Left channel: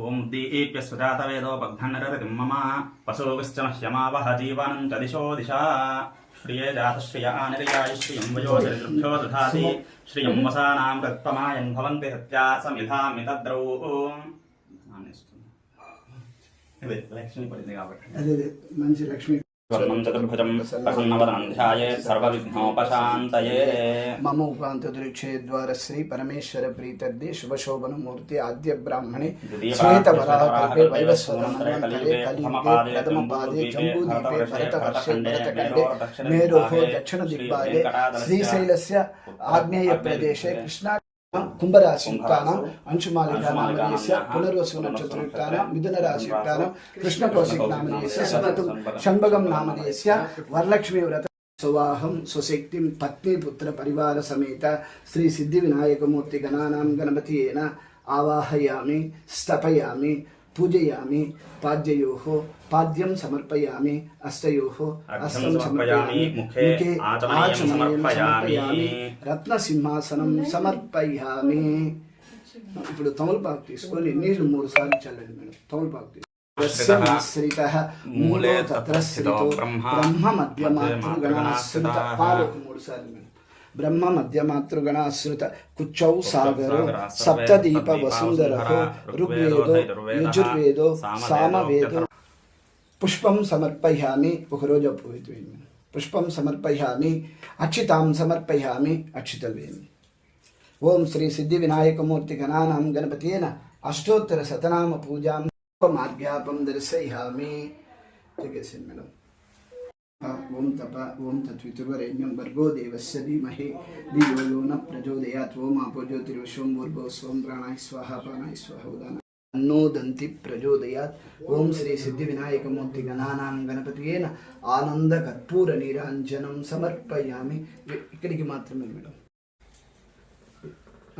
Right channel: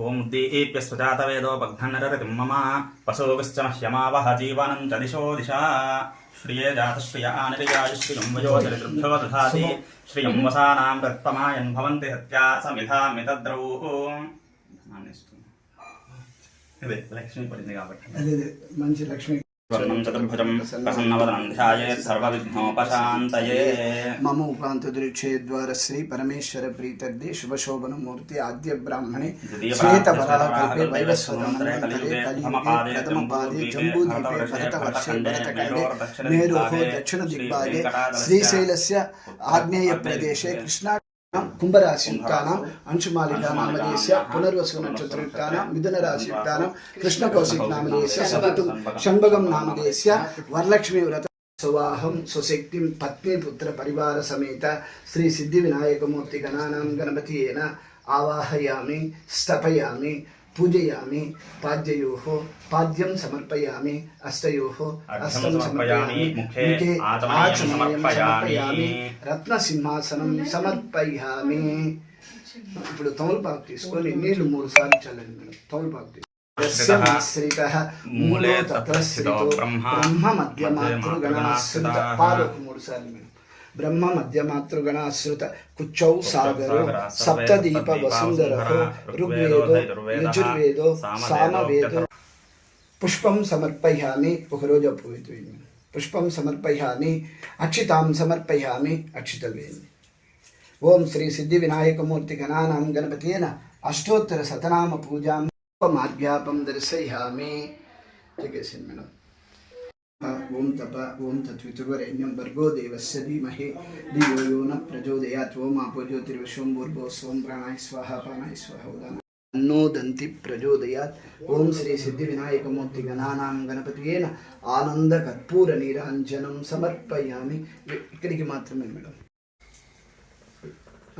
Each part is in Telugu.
ఓం దీప్య సుజాతవేదో బగ్ధన్నరతిం మమ వసోగశ్చ జీవనం చ దిశో దిశా. శ్రియ జాతశ్రియ ఆనరియాయ శ్రియం వయోజనృభ్యో దధాతి భవంతి హత్యా సమిధామితద్రౌ ఇదే లక్ష్మి పడింది కాబట్టి మంచి లక్ష్మి స్వర్ణం చతుర్భుజం ప్రసన్నవదనం ధ్యాయేత్ సర్వవిఘ్నోపశాంతయే మమ ఉపాంతదురుక్షే ద్వార శ్రీ పరమేశ్వర ప్రీతర్ది శుభశోభన మూర్తి ఆద్య బ్రాహ్మణే శ్వేత వరాహ కల్పే వైవస్వతం మంతరే కుంభరాశియుక్తానాం అంశుమాలికా నామదేశ పునర్వసు నక్షత్రయుక్తానాం మిథున రాశియుక్తానాం కృష్ణకౌశిక్ నామదేశ సపతు షణ్భగం నామదేశ వరలక్ష్మీ వ్రత సువాహం సుశక్తిం పత్ని పుత్ర పరివార సమేత శ్రీ సిద్ధి వినాయకమూర్తి గణానాం గణపతియేన ఆవాహయామి స్థపయామి పూజయామి పాద్యయోః పాద్యం సమర్పయామి అష్టయోః అస్తం సమర్పయామి ముఖే ఆచమనీయం సమర్పయామి. రత్న సింహాసనం సమర్పయామి ఇప్పుడు తమలపాకు తీసుకొని నీళ్ళు మూడు సార్లు చల్లండి మేడం తమలపాకు మూలే తత్ర బ్రహ్మ మధ్యమాతృగణాశ్రిత మధ్యమాతృగణాశ్రితః. పాలు ఒక మూడు సార్లు మేడం బ్రహ్మ మధ్యమాతృగణాశ్రిత కుచ్చౌ సాగర సప్తదీప వసుంధర ఋగ్వేదో యజుర్వేదో సామవేదో పుష్పం సమర్పయామి ఒకరోజు అపోయిపోయింది పుష్పం సమర్పయామి అక్షితాం సమర్పయామి అక్షితవేమి ఓం శ్రీ సిద్ధి వినాయకమూర్తి గణానాం గణపతేన అష్టోత్తర శతనామ పూజాం మార్గ్యాపం దర్శయామి చెప్పేసింది మేడం ఓం తప ఓం తత్వితుర్వరేణ్యం భర్గో దేవస్య ధీమహి ధియో యో న ప్రచోదయాత్ ఓం ఆపో జ్యోతిర్వశోం భూర్భో స్వం ప్రాణాయ స్వాహ పానాయ స్వాహ ఉదాన అన్నోదంతి ప్రచోదయాత్. ఓం శ్రీ సిద్ధి వినాయకమూర్తి గణానాం గణపతియేన ఆనంద కర్పూర నీరాంజనం సమర్పయామి. ఇక్కడికి మాత్రమే మేడం.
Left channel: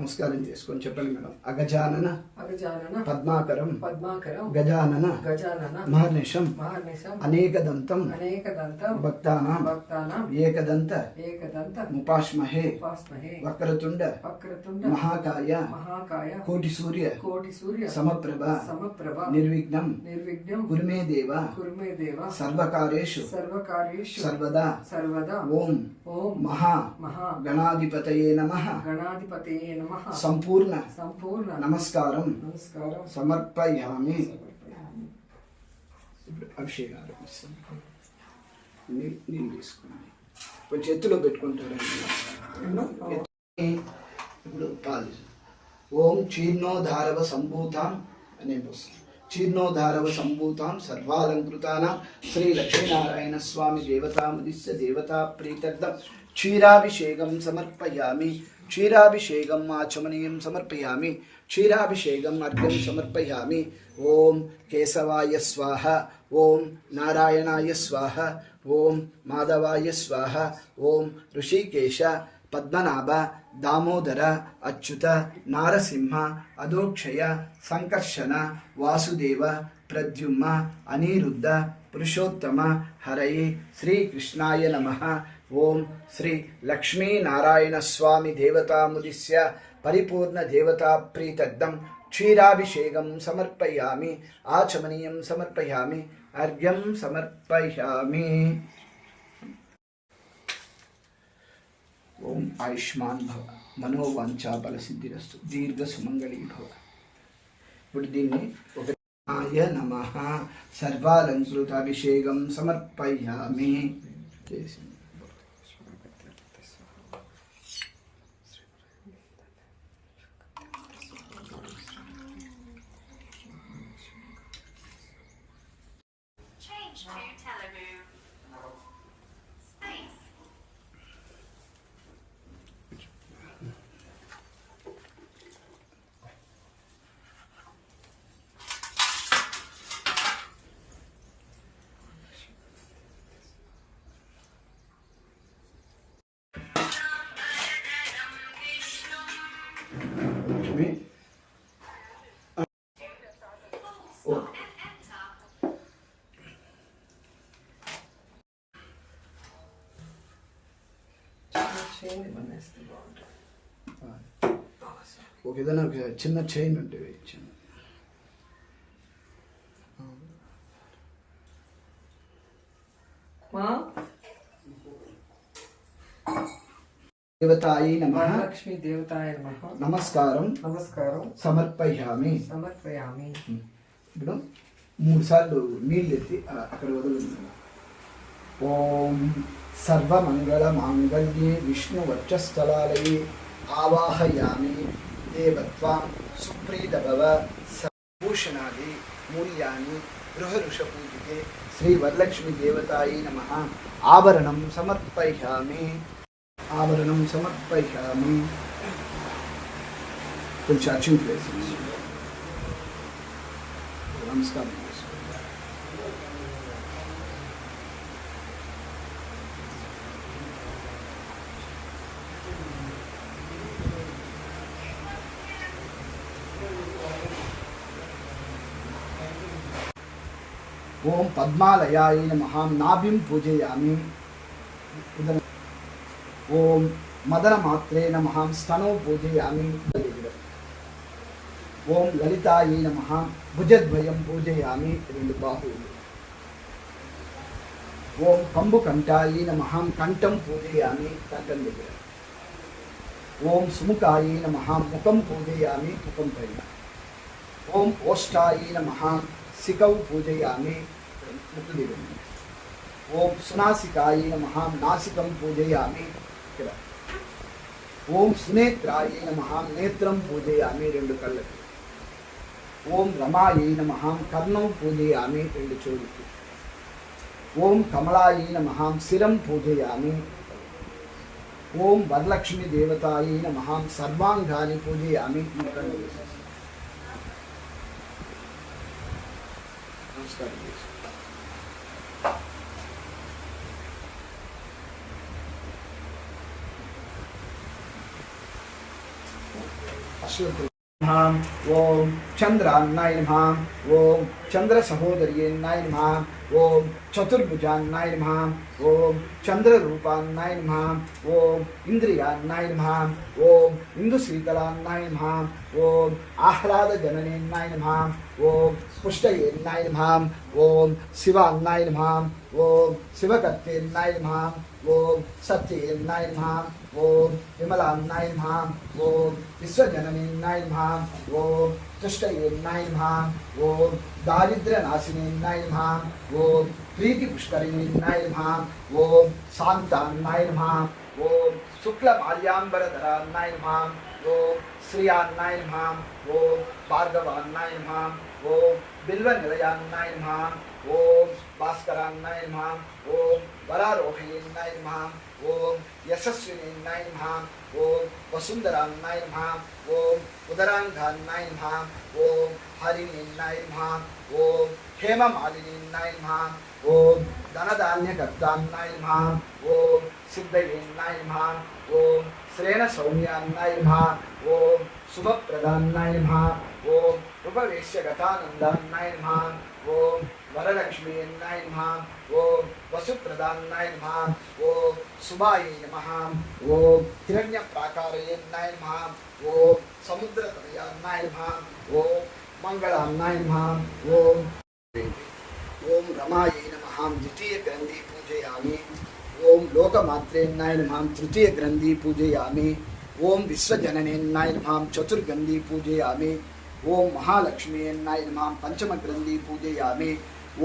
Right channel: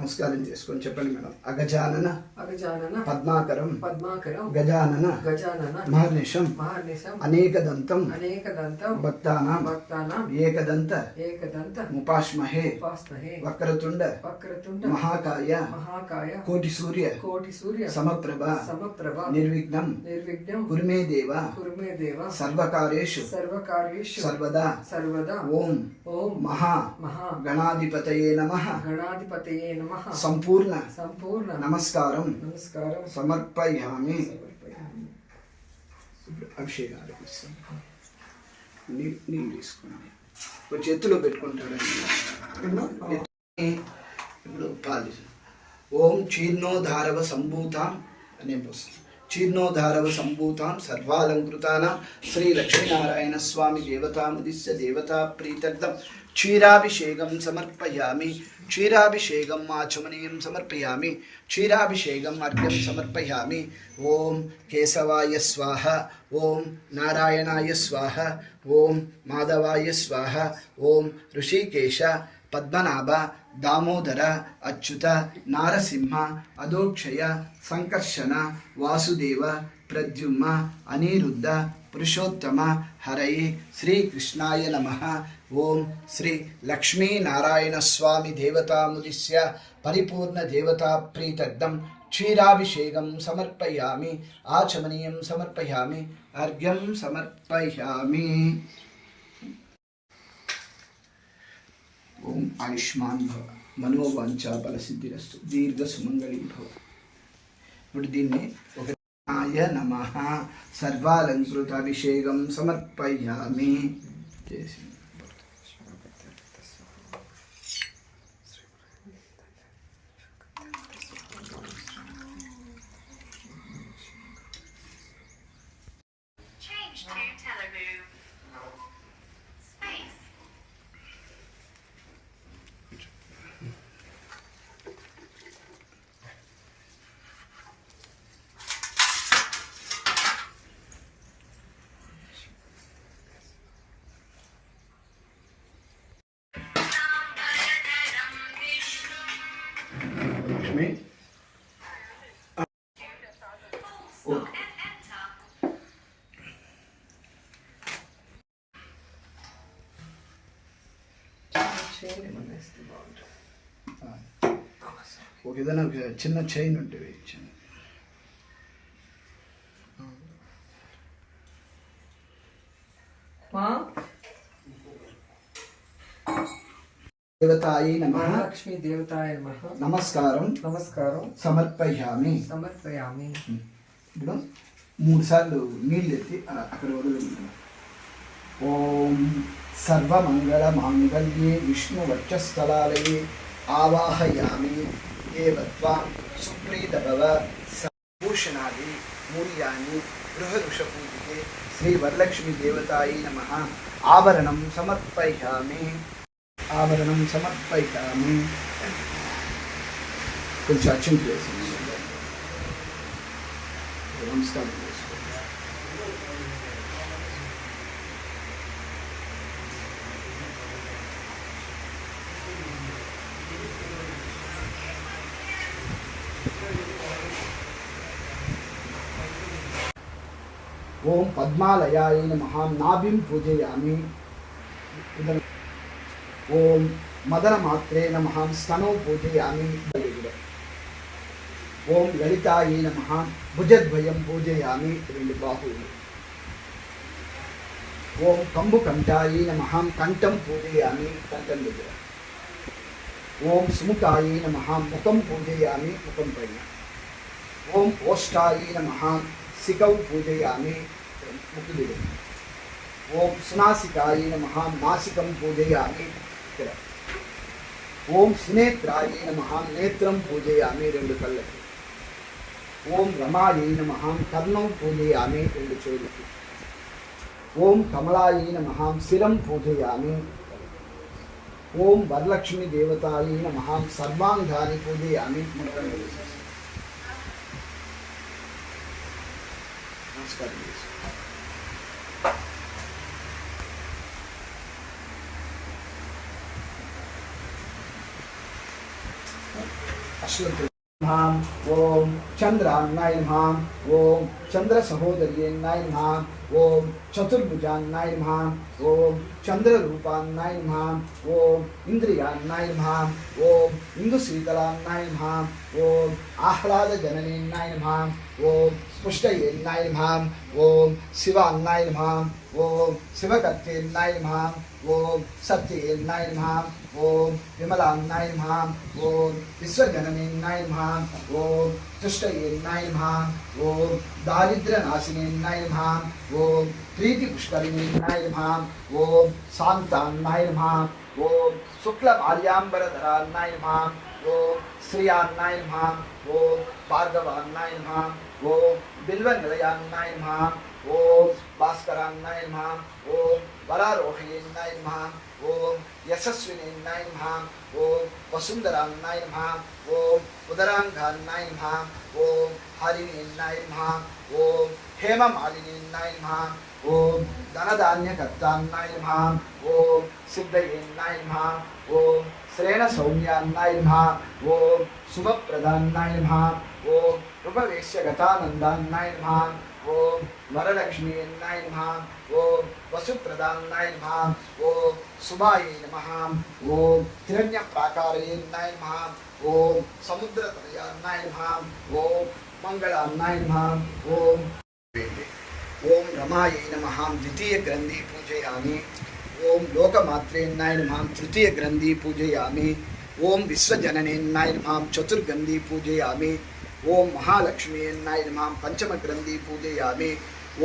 నమస్కారం చేసుకొని చెప్పండి మేడం. అగజానన అగజానన పద్మాకరం పద్మాకరం గజానన గజానన మహర్నిషం మహర్నిశం అనేకదంతం అనేకదంతం భక్తానాం భక్తానాం ఏకదంత ఏకదంత ముపాష్మహే ఉపాస్మహే వక్రతుండ వక్రతుండ మహాకాయ మహాకాయ కోటి సూర్య కోటి సూర్య సమప్రభ సమప్రభ నిర్విఘ్నం నిర్విఘ్నం కురుమే దేవ కురుమే దేవ సర్వకార్యేషు సర్వకార్యేషు సర్వదా సర్వదా ఓం ఓం మహా మహా గణాధిపతయే నమ. గణాధిపతయే నమః. సంపూర్ణ సంపూర్ణ నమస్కారం నమస్కారం। సమర్పయామి। అభిషేకాలు నీళ్ళు కొంచెం పెట్టుకుంటాడండి ఇప్పుడు పాలి ఓం చీర్ణోధారవ సంభూతాం అనే పోస్తాం. చీర్ణోధారవ సంభూతాం సర్వాలంకృతానాం శ్రీ లక్ష్మీనారాయణ స్వామి దేవతాముదిశ్య దేవతా ప్రీతర్థం క్షీరాభిషేకం సమర్పయామి. క్షీరాభిషేకం ఆచమనీయం సమర్పయామి క్షీరాభిషేకం అర్ఘ్యం సమర్పయామి ఓం కేశవాయ స్వాహ ఓం నారాయణాయ స్వాహ ఓం మాధవాయ స్వాహ ఓం ఋషికేశ పద్మనాభ దామోదర అచ్యుత నారసింహ అధోక్షయ సంకర్షణ వాసుదేవ ప్రద్యుమ్న అనిరుద్ధ పురుషోత్తమ హరయే శ్రీకృష్ణాయ నమ ఓం శ్రీ లక్ష్మీనారాయణ స్వామి దేవతాముదిశ్య పరిపూర్ణ దేవతా ప్రీతర్థం క్షీరాభిషేకం సమర్పయామి ఆచమనీయం సమర్పయామి అర్ఘ్యం సమర్పయామి. ఓం ఆయుష్మాన్ భవ మనోవాంఛా ఫలసిద్ధిరస్తు దీర్ఘ సుమంగళీ భవ. ఇప్పుడు దీన్ని ఒక ఆయ నమ. సర్వాలంకృత అభిషేకం సమర్పయామి చేసింది చైన్ వేస్తే బాగుంటుంది. ఒక ఏదైనా చిన్న చైన్ ఉంటే వేయించండి. దేవతాయి నమ. లక్ష్మీ నమస్కారం. నమస్కారం. సమర్పయామి. సమర్పయామి. ఇప్పుడు మూడు సార్లు నీళ్ళు ఎత్తి అక్కడ వదిలి ఓం సర్వమంగళమాంగళ్యే మాంగళ్యే ఆవాహయామి ఏవత్వాం సుప్రీతభవ సభూషణాది మూల్యాన్ని గృహరుషపూజితే శ్రీ వరలక్ష్మి దేవతాయి నమ ఆభరణం సమర్పయామి ఆభరణం సమర్పయామి కొంచెం అచ్చింట్లు వేసి నమస్కారం చేసుకోండి ఓం పద్మాలయాయ నమః నాభిం పూజయామి ఉదరం ఓం మదనమాత్రే నమః స్తనో పూజయామి ఓం లలితాయ నమః భుజద్వయం పూజయామి రెండు బాహువులు ఓం కంబు కంఠాయ నమః కంఠం పూజయామి కంఠం దగ్గర ఓం సుముఖాయ నమః ముఖం పూజయామి ముఖం పైన ఓం ఓష్టాయ నమః శిఖౌ పూజయామి ముక్కు దగ్గర ఓం సునాసికాయ నమః నాసికం పూజయామి. ఇక్కడ. ఓం సునేత్రాయ నమః నేత్రం పూజయామి రెండు కళ్ళకి. ఓం రమాయై నమ కర్ణం పూజయామి రెండు చెవులకి. ఓం కమలాయై నమ శిరం పూజయామి. ఓం వరలక్ష్మి దేవతాయై నమ సర్వాంగాన్ని పూజయామి. నమస్కారం. వేసేసి. నమస్కారం చేసి. అశ్వత్థ నమః ఓం చంద్రాన్నాయ నమః ఓం చంద్ర సహోదర్యేన్నాయ నమః ఓం చతుర్భుజాన్నాయ నమః ఓం చంద్రరూపాన్నాయ నమః ఓం ఇంద్రియాన్నాయ నమః ఓం ఇందు శీతలాన్నాయ నమః ఓం ఆహ్లాద జననేన్నాయ నమః ఓం పుష్టయేన్నాయ నమః ఓం శివాన్నాయ నమః ఓం శివకర్తేన్నాయ నమః ఓం సత్యేన్నాయ నమః ఓం విమలాన్నాయ నమః ఓం విశ్వజననేన్నాయ నమః ఓం తుష్టయేన్నాయ నమః ఓం దారిద్ర్యనాశినేన్నాయ నమః ఓం ప్రీతి పుష్కరిణేన్నాయ నమః ఓం శాంతాన్నాయ నమః ఓం శుక్లమాల్యాంబరధరాన్నాయ నమః ఓం శ్రియాన్నాయ నమః ఓం భార్గవాన్నాయ నమః ఓం బిల్వనిలయాన్నాయ నమః ఓం భాస్కరాన్నాయ నమః ఓం వరారోహయేన్నాయ నమః ఓం యశస్వినేన్నాయ నమః ఓం వసుంధరాన్నాయ నమః ఓం ఉదరాంగాన్నాయ నమః ఓం హరిణేన్నాయ నమః ఓం హేమమాలినేన్నాయ నమః ఓం ధనధాన్యకర్తాన్నాయ నమః ఓం సిద్ధయేన్నాయ నమః ఓం శ్రేణ సౌమ్యాన్నాయ నమః ఓం శుభప్రదాన్నాయ నమః ఓం ఉపవేశ్యగతానందాన్నాయ నమః ఓం వరలక్ష్మి వరలక్ష్మీయన్నాయ నమ ఓం వసుప్రదాన్నాయ నమ ఓం శుభాయ నమ ఓం హిరణ్యప్రాకారయేన్నాయ నమ ఓం సముద్రతనయాన్నాయ నమ ఓం మంగళాన్నాయ నమ ఓం ఓం రమాయై నమ ద్వితీయ గ్రంథి పూజయామి ఓం లోకమాత్రేన్నాయ నమ తృతీయ గ్రంథి పూజయామి ఓం విశ్వజననేన్నాయ నమ చతుర్గంధి పూజయామి ఓం మహాలక్ష్మీయన్నాయ నమాం పంచమ గ్రంథి పూజయామి.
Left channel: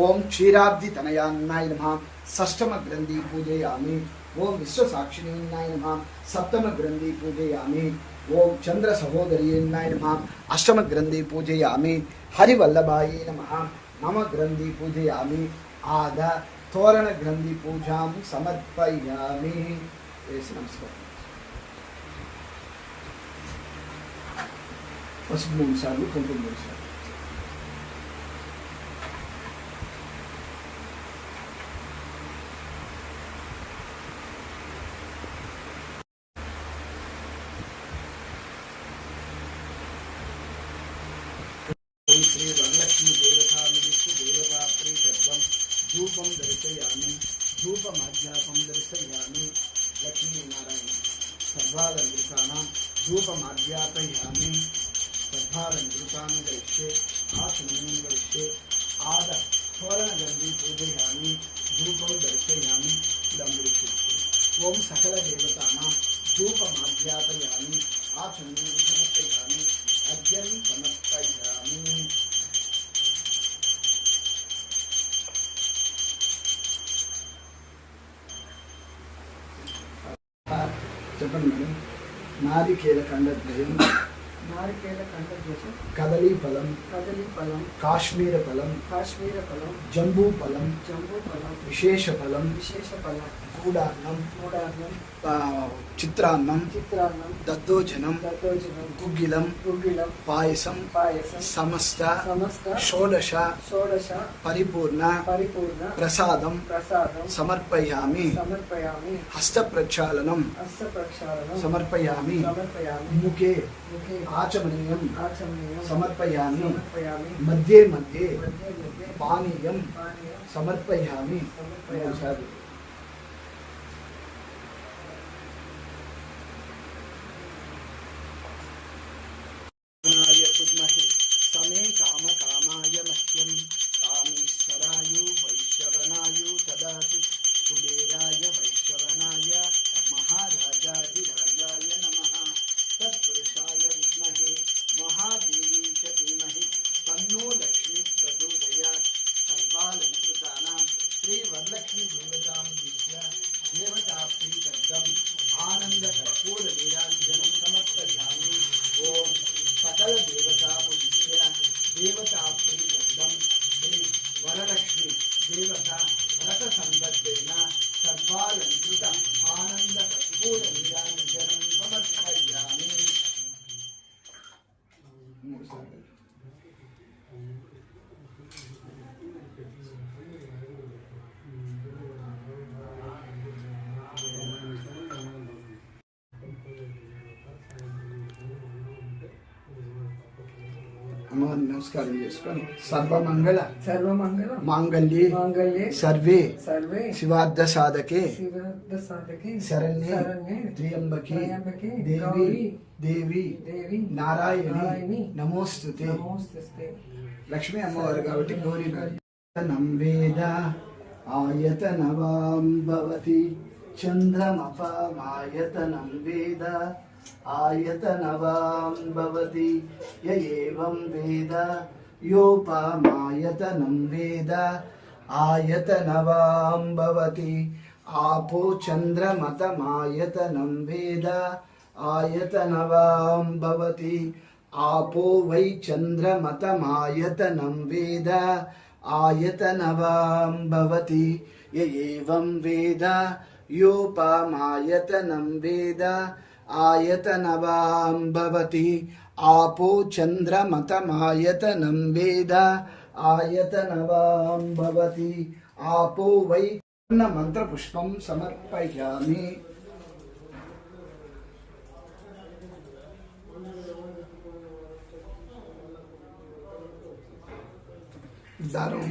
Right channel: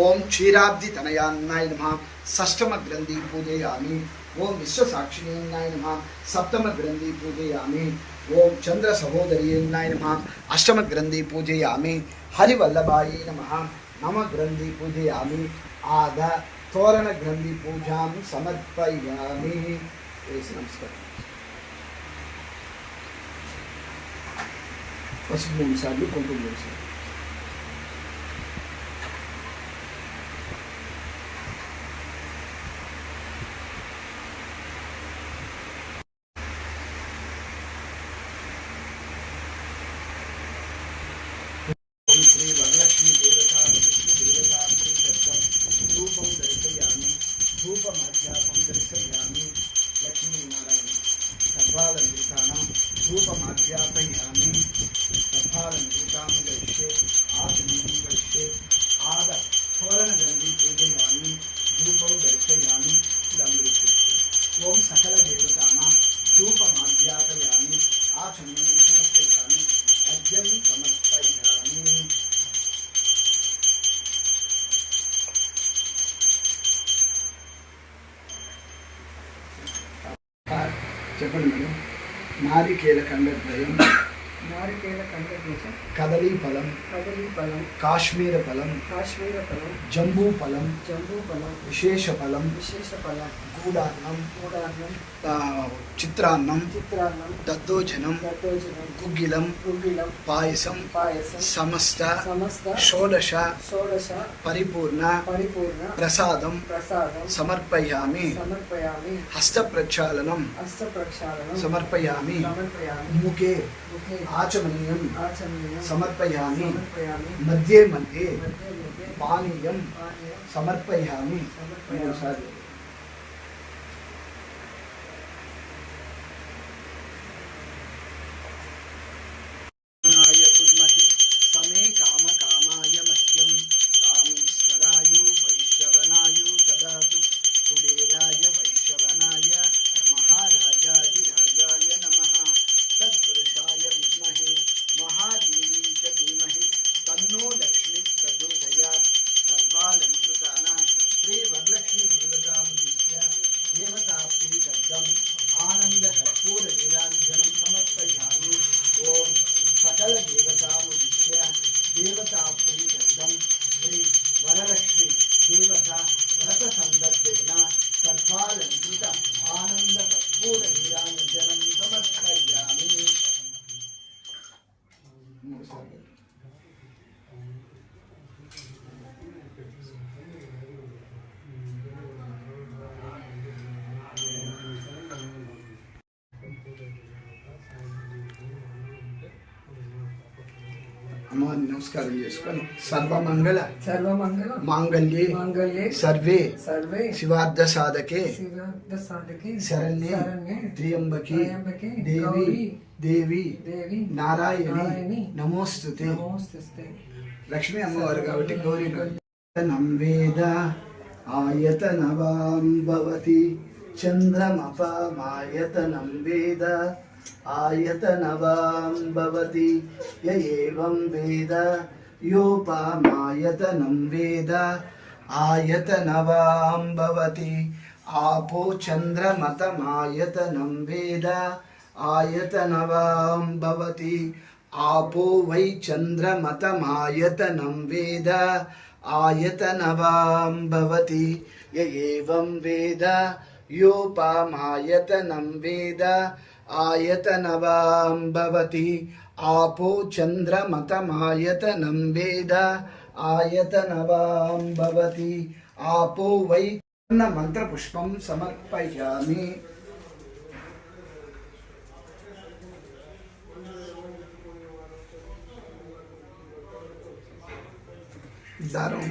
ఓం క్షీరాబ్ది తనయాన్నాయ నమాం షష్టమ గ్రంథి పూజయామి. ఓం విశ్వసాక్షిణీన్నాయ నమాం సప్తమ గ్రంథి పూజయామి. ఓం చంద్ర సహోదరీయన్నాయ నమాం అష్టమ గ్రంథి పూజయామి. హరివల్లభాయి నమ నమ గ్రంథి పూజయామి. ఆద తోరణ గ్రంథి పూజాం సమర్పయామి. నమస్కారం. పసుపు మూడు సార్లు కుంకుమ మూడు సార్లు ఓం శ్రీ వరలక్ష్మి దేవతా విష్ణు దేవతా ప్రీతత్వం ధూపం దర్శయామి ఓం సకల దేవతానా ధూపమాధ్యాపయామి ఆచమనీయం సమర్పయామి అర్ఘ్యం సమర్పయామి. చెప్పండి మేడం. నాది కీలకంగా ద్వయం कदली पलम कदली पलम काश्मीर पलम काश्मीर कदलीफलं कदलीफलं काश्मीरफलं काश्मीरफलं जम्बूफलं जम्बूफलं विशेषफलं विशेषफलं गूडान्नं गूडान्नं चित्रान्नं चित्रान्नं दद्दोजनं दद्दोजनं गुग्गिलं गुग्गिलं पायसं पायसम समस्त समस्त षोडश षोडश परिपूर्ण परिपूर्ण प्रसादं प्रसादम समर्पयामि समर्पयामि हस्तप्रक्षालनं हस्तप्रक्षालनं समर्पयामि समर्पयामि मुखे मुखे आचमनीयं समर्पयामि। मध्ये मध्ये पानीयं समर्पयामि। దేవతా శ్రీ వరలక్ష్మి దేవత వ్రత సందర్భేణ సర్వాలంకృత ఆనంద కర్పూర నిరాంజనం సమర్పయ్యా నమస్కారం చేసుకొని సర్వమంగళ సర్వమంగళ మాంగళ్యే మాంగళ్యే సర్వే సర్వే శివార్థ సాధకే శివార్థ సాధకే శరణ్యే త్ర్యంబకే దేవి దేవి దేవి నారాయణి నమోస్తుతే. నమోస్తుతే లక్ష్మీ అమ్మవారు కాబట్టి గౌరీ వేద ఆయతనవాం భవతి. చంద్రమపామాయతనం వేద आयतनवां भवति य एवं वेद योपामायतनं वेद आयतनवां भवति आपो चन्द्रमतमायतनं वेद आयतनवां भवति आपो वै चन्द्रमतमायतनं वेद आयतनवां भवति य एवं वेद योपामायतनं वेद आयतनवां भवति आपो चन्द्रमतमायतनं वेद आयतनवां भवति आपो वै मन्त्रपुष्पं समर्पयामि దారం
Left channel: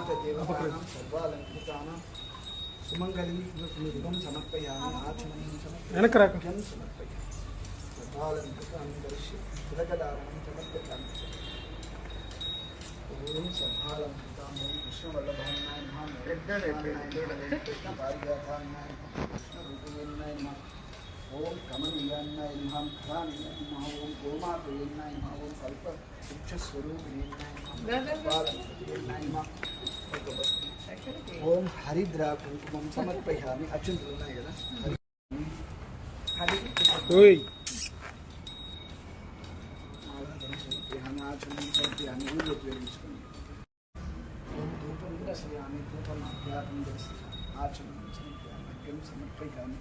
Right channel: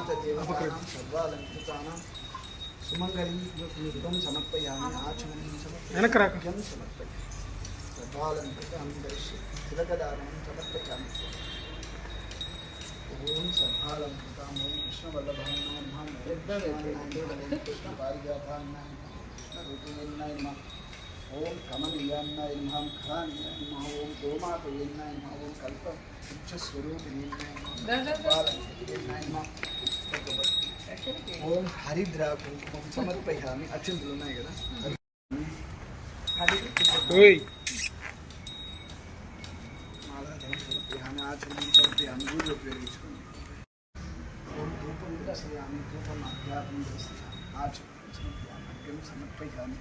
శ్రీ గోమాత దేవతానాం సర్వాలంకృతానాం సుమంగళి యుగం సమర్పయామి ఆచమనీయం సమర్పయామి సమర్పయామి సర్వాలంకృతాన్ని దర్శి తిలకదారణం సమర్పయామి ఓం సర్వాలంకృతాం ఓం కృష్ణవల్లభాన్నాయ నమః కృష్ణ పారిజాతాన్నాయ నమః కృష్ణ రూపేణాయ నమః ఓం కమనీయాన్నాయ నమః ఖరాన్యాయ నమః ఓం గోమాతయేన్నాయ నమః ఓం కల్ప వృక్షస్వరూపిణీయాయ నమః సర్వాలంకృతాయ నమః ఓం హరిద్రా కుంకుమం సమర్పయామి అచ్చుంతులు ఉన్నాయి కదా మాలాధనం సమర్పయామి ఆచమనం సమర్పయామి ఊరు ఉపయోగించుకుని ఓం ధూపం దర్శయామి ధూపం అధ్యాత్మం దర్శయామి ఆచమనం సమర్పయామి అర్ఘ్యం సమర్పయామి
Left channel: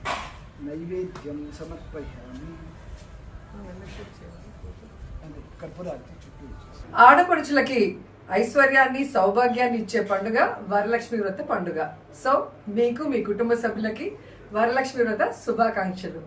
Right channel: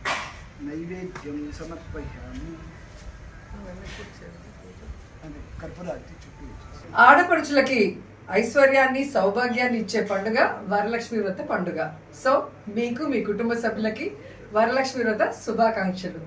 నైవేద్యం సమర్పయామి. చుట్టూ ఆడపడుచులకి ఐశ్వర్యాన్ని సౌభాగ్యాన్ని ఇచ్చే పండుగ వరలక్ష్మి వ్రత పండుగ. సో మీకు మీ కుటుంబ సభ్యులకి వరలక్ష్మి వ్రత శుభాకాంక్షలు.